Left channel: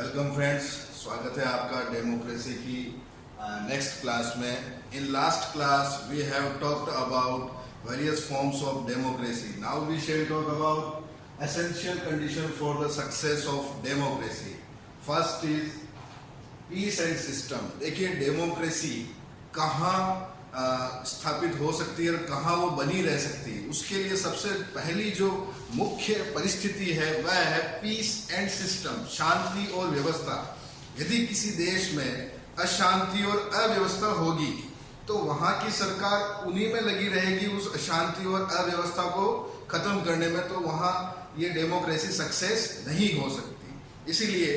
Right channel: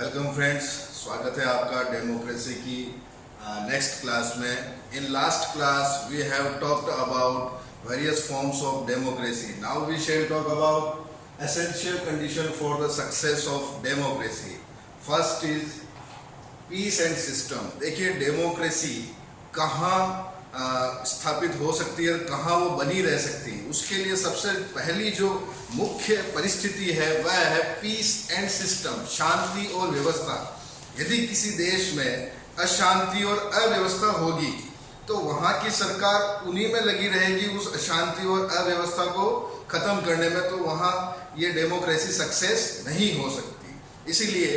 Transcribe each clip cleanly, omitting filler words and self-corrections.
Welcome friends, स्वागत है आपका डेमोक्रेसी की नेक्स्ट क्लास में। In last class we have talked about various forms of democracy. Now we shall talk about essential condition for the success of democracy. First is peace and system. देखिए, democracy कहाँ स्थापित हो सकती है और कहाँ वो बनी रह सकती है, उसके लिए सबसे पहली जो मुख्य परिस्थिति है वह है पीस एंड सिस्टम, शांति और व्यवस्था। यदि किसी देश में अशांति और अव्यवस्था होगी तो वहाँ की सरकार उन्हीं में लगी रहेगी उस अशांति और अव्यवस्था को खत्म करने में, तो वहाँ ये डेमोक्रेसी सक्सेस नहीं हो सकती। इसीलिए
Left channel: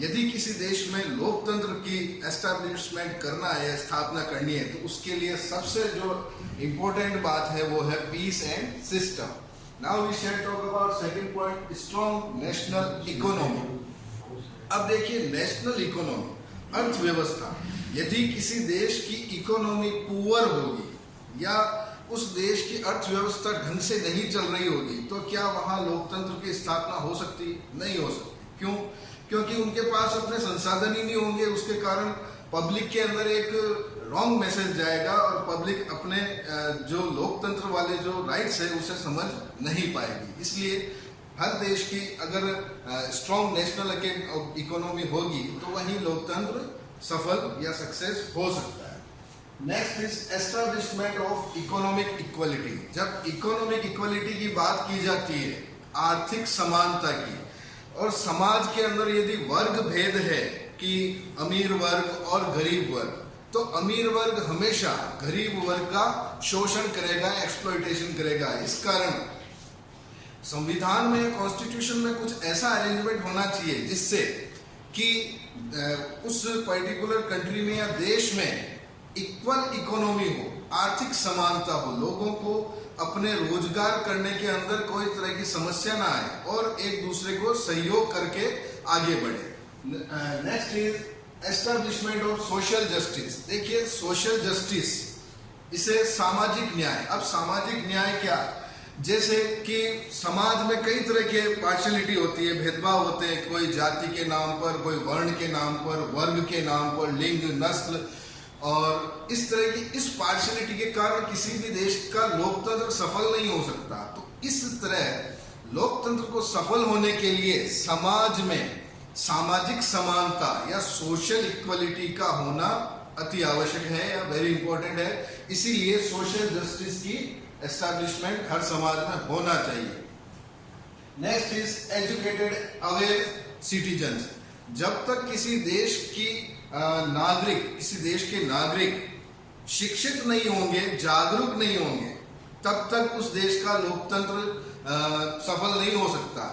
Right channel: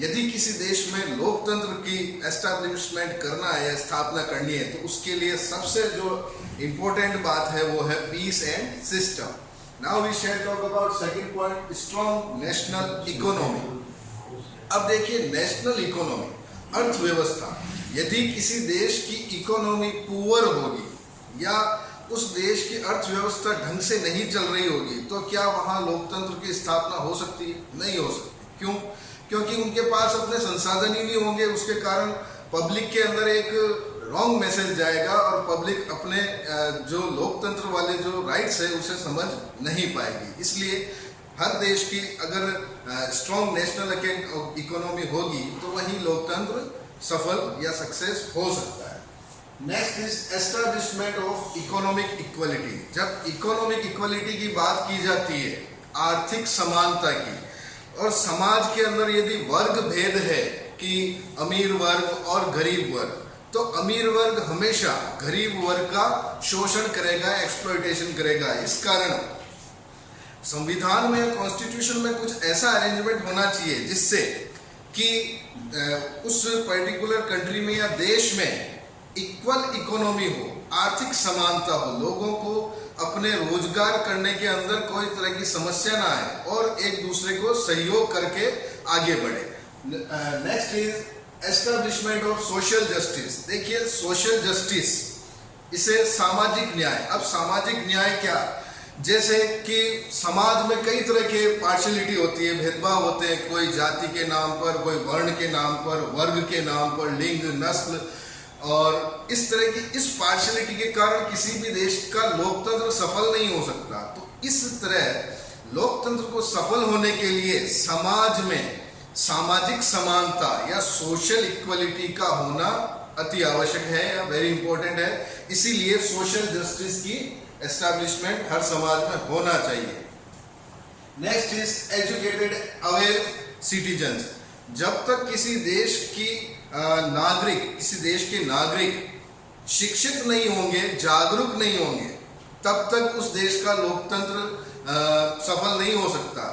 यदि किसी देश में लोकतंत्र की एस्टैब्लिशमेंट करना है या स्थापना करनी है तो उसके लिए सबसे जो इम्पोर्टेंट बात है वो है peace and system. Now we shall talk about second point, strong national economy. अब देखिए, नेशनल इकोनॉमी, अर्थव्यवस्था, यदि किसी देश की इकोनॉमी पुअर होगी या उस देश की अर्थव्यवस्था ढंग से नहीं चल रही होगी तो क्या वहाँ लोकतंत्र की स्थापना हो सकती है? नहीं हो सकती। क्यों? क्योंकि उनके पास अपने संसाधन ही नहीं होंगे। उसके कारण पब्लिक के अंदर एक रॉन्ग मैसेज जाएगा और पब्लिक अपने जो लोकतंत्र वाले जो राइट्स है उसे समझ नहीं पाएगी। इसलिए हर देश की अगर स्ट्रॉन्ग नेशनल इकोनॉमी होगी तो वहीं लोकतंत्र सफल या सक्सेस हो सकता है। Next is establishment of economic equality. जब इकोनॉमिक इक्वलिटी की बात की जाती है, आर्थिक समानता की, और समाज के अंदर यदि वर्ग भेद है कि अमीर वर्ग और गरीब वर्ग, तो अमीर वर्ग हमेशा गरीब वर्ग का शोषण करेगा, एक्सप्लॉयटेशन करेगा। इस कारण संविधान में, कॉन्स्टिट्यूशन में कुछ ऐसा अरेंजमेंट होना चाहिए जिससे कि उस पर्टिकुलर कंट्री में या देश में इक्वल इकोनॉमी हो, आर्थिक समानता हो, लोगों को अपने रोजगार करने के अंदर कोई तरह की समस्या ना आए और एक दूसरे को सहयोग करके आगे बढ़े। Next is establishment of social justice. देखिए, सोशल जस्टिस, इसे सामाजिक न्याय। अब सामाजिक न्याय क्या? जैसे कि समाज में कई तरह के पार्शियलिटी होती है, भेदभाव होते हैं, कोई जाति के नाम पर, कोई वर्ण के नाम पर, वर्ग के नाम पर, लिंग, नस्ल, और इस तरह की इस पार्शियलिटी के कारण किसी भी देश का लोकतंत्र सफल नहीं हो सकता। तो इस तरह लोकतंत्र को सफल होने के लिए समाज में सामाजिक समानता या सोशल इक्वलिटी का होना अति आवश्यक है या वेरी इंपॉर्टेंट है। इसीलिए सोशल जस्टिस की एस्टैब्लिशमेंट हर समाज में होना चाहिए। Next is educated aware citizens. जब तक किसी देश के नागरिक शिक्षित नहीं होंगे, जागरूक नहीं होंगे, तब तक उस देश का लोकतंत्र सफल नहीं हो सकता।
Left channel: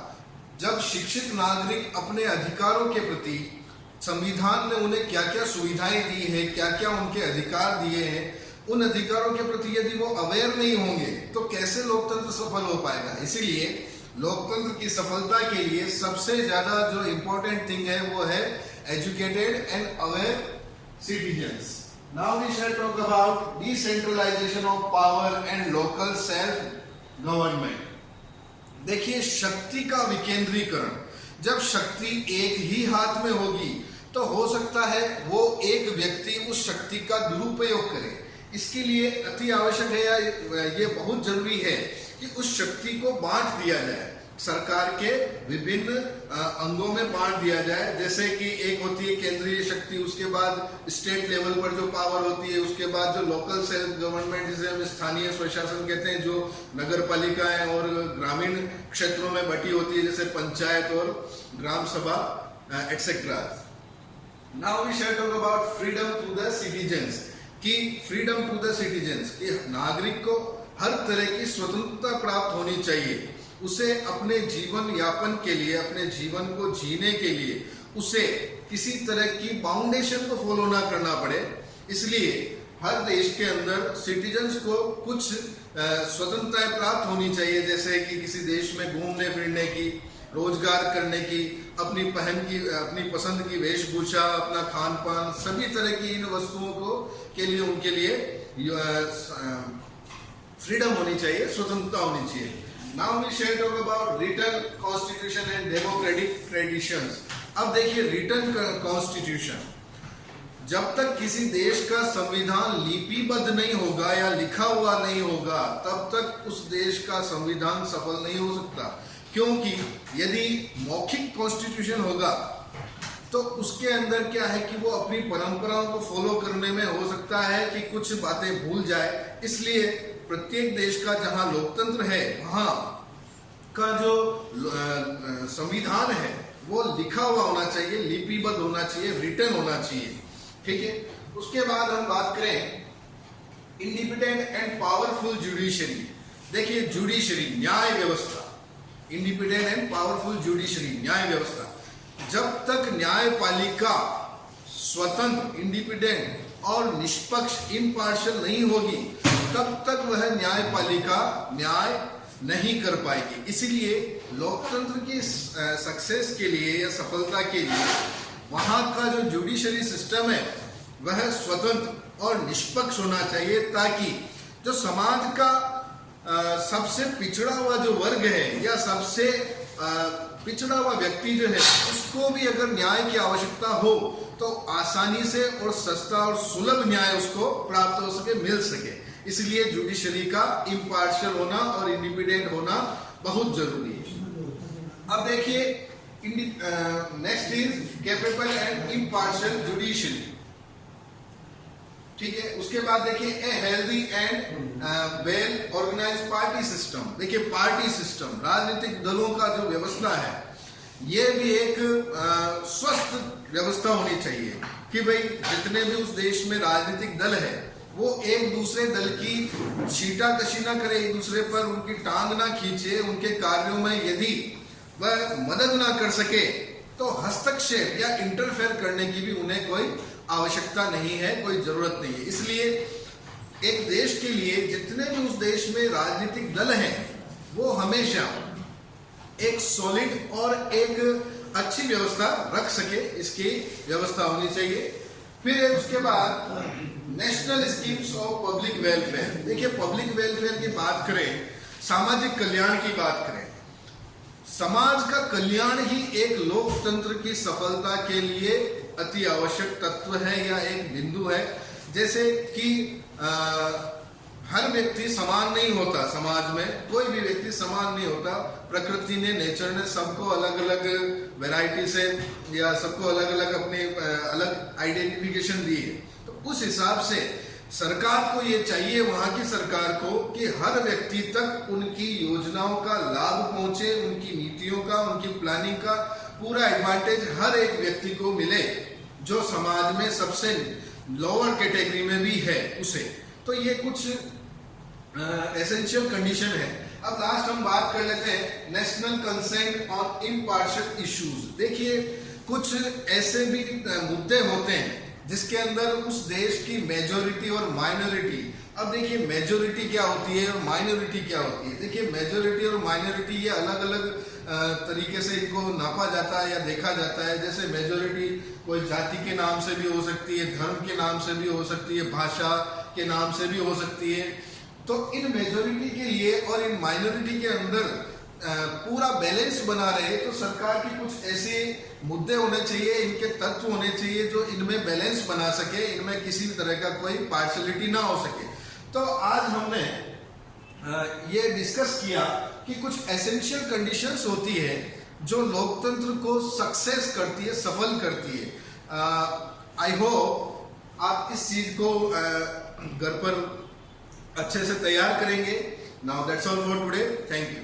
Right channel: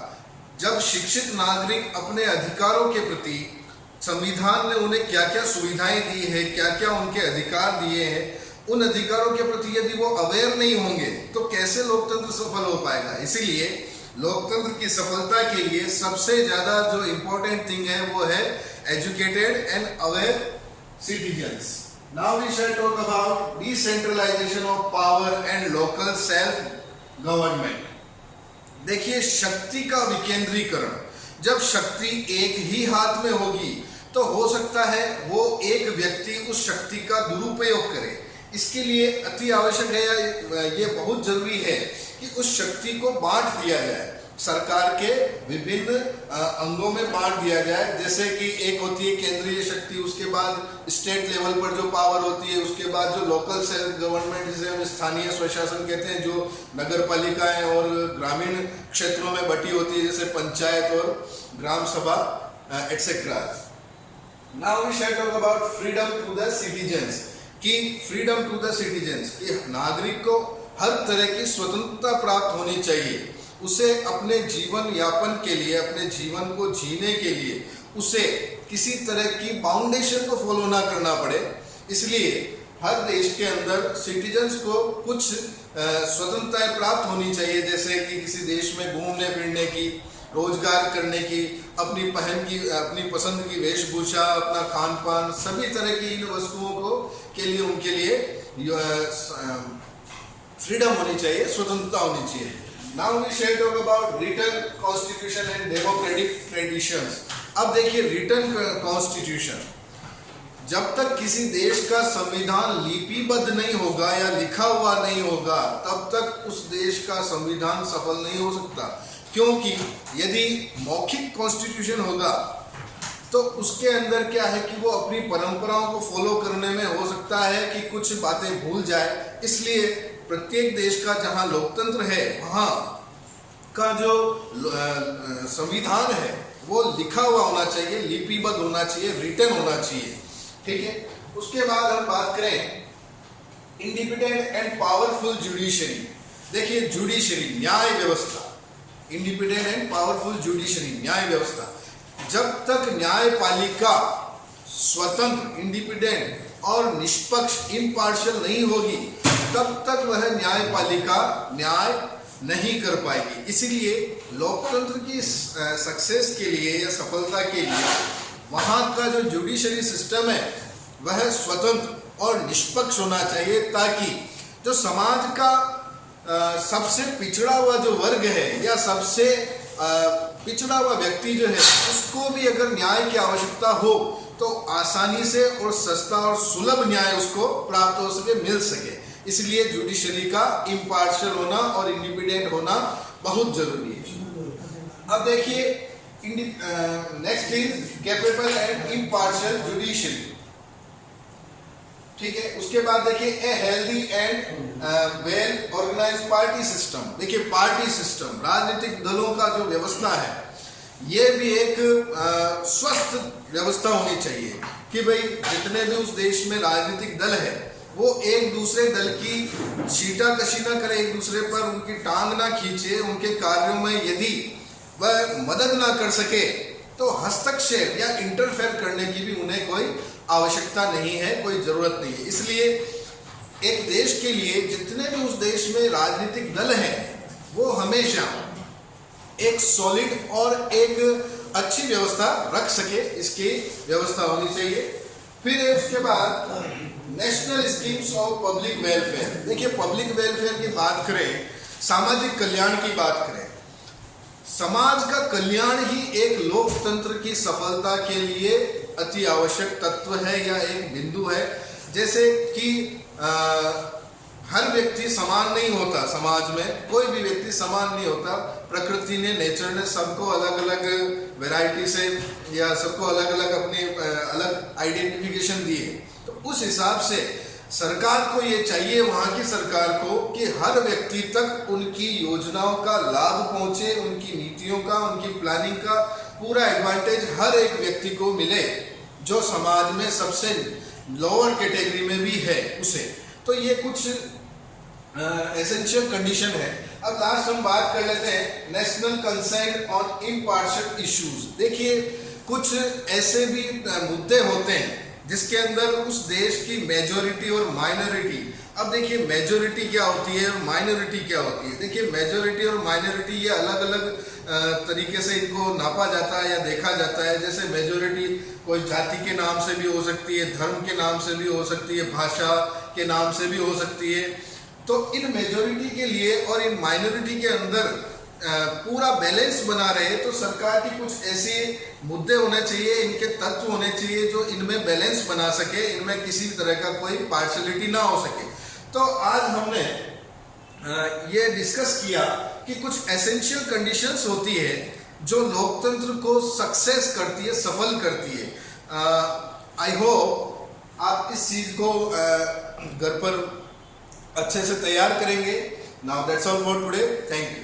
जब शिक्षित नागरिक अपने अधिकारों के प्रति, संविधान ने उन्हें क्या क्या सुविधाएं दी है, क्या क्या उनके अधिकार दिए हैं, उन अधिकारों के प्रति यदि वो अवेयर नहीं होंगे तो कैसे लोकतंत्र सफल हो पाएगा। इसीलिए लोकतंत्र की सफलता के लिए सबसे ज्यादा जो इम्पोर्टेंट थिंग है वो है educated and aware citizens. Now we shall talk about decentralisation of power and local self government. देखिए, शक्ति का विकेंद्रीकरण। जब शक्ति एक ही हाथ में होगी तो हो सकता है वो एक व्यक्ति उस शक्ति का दुरुपयोग करे। इसके लिए अति आवश्यक है या ये बहुत जरूरी है कि उस शक्ति को बांट दिया जाए, सरकार के विभिन्न अंगों में बांट दिया जाए। जैसे कि एक होती है केंद्रीय शक्ति, उसके बाद स्टेट लेवल पर जो पावर होती है, उसके बाद जो लोकल सेल्फ गवर्नमेंट, जिसे हम स्थानीय स्वशासन कहते हैं, जो नगर पालिकाएं और ग्रामीण क्षेत्रों में बटी होती है, जैसे पंचायत और gram sabha etcetera. Now we shall talk about freedom to the citizens. कि फ्रीडम टू द सिटीजन्स, कि नागरिक को हर तरह की स्वतंत्रता प्राप्त होनी चाहिए। उसे अपने जीवन यापन के लिए, अपने जीवन को जीने के लिए उसे किसी तरह की बाउंडेशन को फॉलो ना करना पड़े। इसलिए हर देश के अंदर सिटीजन्स को कुछ स्वतंत्रताएं प्राप्त होनी चाहिए, जैसे कि किसी देश में घूमने फिरने की, रोजगार करने की, अपनी पसंद की वेशभूषा, अपना खान पान, सभी तरह की इन वस्तुओं को के लिए उनके लिए फ्रीडम होनी चाहिए, स्वतंत्रता होनी चाहिए। Now we shall talk about written constitution and democratic traditions. अब देखिए रिटन कॉन्स्टिट्यूशन, जब तक किसी देश का संविधान लिपिबद्ध नहीं होगा या लिखा हुआ नहीं होगा तब तक उस देश का संविधान सफल नहीं हो सकता। क्योंकि यदि मौखिक कॉन्स्टिट्यूशन होगा तो उसके अंदर क्या है कि वो अपनी परंपराओं को फॉलो करने में हो सकता है कि कुछ बातें भूल जाए। इसलिए प्रत्येक देश का जहां लोकतंत्र है वहां का जो संविधान है वो लिखा हुआ होना चाहिए, लिपिबद्ध होना चाहिए, रिटन होना चाहिए। ठीक है। उसके बाद हम बात करें इंडिपेंडेंट एंड पावरफुल जुडिशरी। देखिए जुडिशरी न्याय व्यवस्था, इंडिपेंडेंट एंड पावरफुल जुडिशरी न्याय व्यवस्था, जब तक न्यायपालिका स्वतंत्र, इंडिपेंडेंट और निष्पक्ष, इम्पार्शियल नहीं होगी तब तक वह न्यायपालिका न्याय नहीं कर पाएगी। इसीलिए लोकतंत्र की सक्सेस के लिए या सफलता के लिए वहां का जो जुडिशरी सिस्टम है वह स्वतंत्र और निष्पक्ष होना चाहिए, ताकि जो समाज का सबसे पिछड़ा हुआ जो वर्ग है या सबसे पिछड़ा हुआ व्यक्ति जो है उसको भी अगर न्याय की आवश्यकता हो तो आसानी से और सस्ता और सुलभ न्याय उसको प्राप्त हो सके, मिल सके। इसलिए जुडिशरी का इम्पार्शियल होना और इंडिपेंडेंट होना बहुत जरूरी है। अब देखिए next is capable and impartial judiciary. ठीक है। उसके बाद देखिए a healthy and well organised party system. देखिए पार्टी सिस्टम, राजनीतिक दलों का जो व्यवस्था है ये भी एक स्वस्थ व्यवस्था होनी चाहिए कि भाई जितने भी उस देश में राजनीतिक दल है वो एक दूसरे दल की छीटाकशी ना करे, एक दूसरे पर उनकी टांग ना खींचे, उनके कार्यों में यदि वह मदद ना कर सके तो हस्तक्षेप या इंटरफेयर करने की भी उन्हें कोई आवश्यकता नहीं है, कोई जरूरत नहीं है। इसलिए एक देश के लिए जितने भी उस देश में राजनीतिक दल हैं वो हमेशा एक सॉलिड और एक अच्छी व्यवस्था रख सके, इसकी व्यवस्था होनी चाहिए। फिर उसके बाद national schemes of public welfare. देखिए पब्लिक वेलफेयर की बात करें, सामाजिक कल्याण की बात करें, समाज का कल्याण ही एक लोकतंत्र की सफलता के लिए अति आवश्यक तत्व है या एक बिंदु है। जैसे कि हर व्यक्ति समान नहीं होता, समाज में कोई भी व्यक्ति समान नहीं होता। प्रकृति ने, नेचर ने सबको अलग अलग वैरायटी से या सबको अलग अलग अपनी अलग आइडेंटिफिकेशन दी है। तो उस हिसाब से सरकार को ये चाहिए, वहां की सरकार को, कि हर व्यक्ति तक उनकी योजनाओं का लाभ पहुंचे, उनकी नीतियों का, उनकी प्लानिंग का पूरा एडवांटेज हर एक व्यक्ति को मिले जो समाज में सबसे लोअर कैटेगरी में भी है उसे। तो ये कुछ एसेंशियल कंडीशन है। अब लास्ट हम बात कर लेते हैं national consent on impartial issues. देखिए कुछ ऐसे भी मुद्दे होते हैं जिसके अंदर उस देश की मेजोरिटी और माइनॉरिटी, अब देखिए मेजोरिटी क्या होती है और माइनॉरिटी क्या होती है। देखिए मेजोरिटी और माइनॉरिटी ये अलग अलग तरीके से इनको नापा जाता है या देखा जाता है। जैसे मेजोरिटी कोई जाति के नाम से भी हो सकती है, धर्म के नाम से भी हो सकती है, भाषा के नाम से भी हो सकती है। तो इन मेजोरिटी के लिए और इन माइनॉरिटी के अंदर पूरा बैलेंस बना रहे तो सरकार की कुछ ऐसे मुद्दे होने चाहिए, इनके तत्व होने चाहिए जो इनमें बैलेंस बना सके, इनमें किसी भी तरह का कोई पार्शलिटी ना हो सके। तो आज हमने ये डिस्कस किया कि कुछ एसेंशियल कंडीशंस होती है जो लोकतंत्र को सक्सेस करती है, सफल करती है। आई होप आप इस चीज को घर पर अच्छे से तैयार करेंगे। Now that's all for today. Thank you.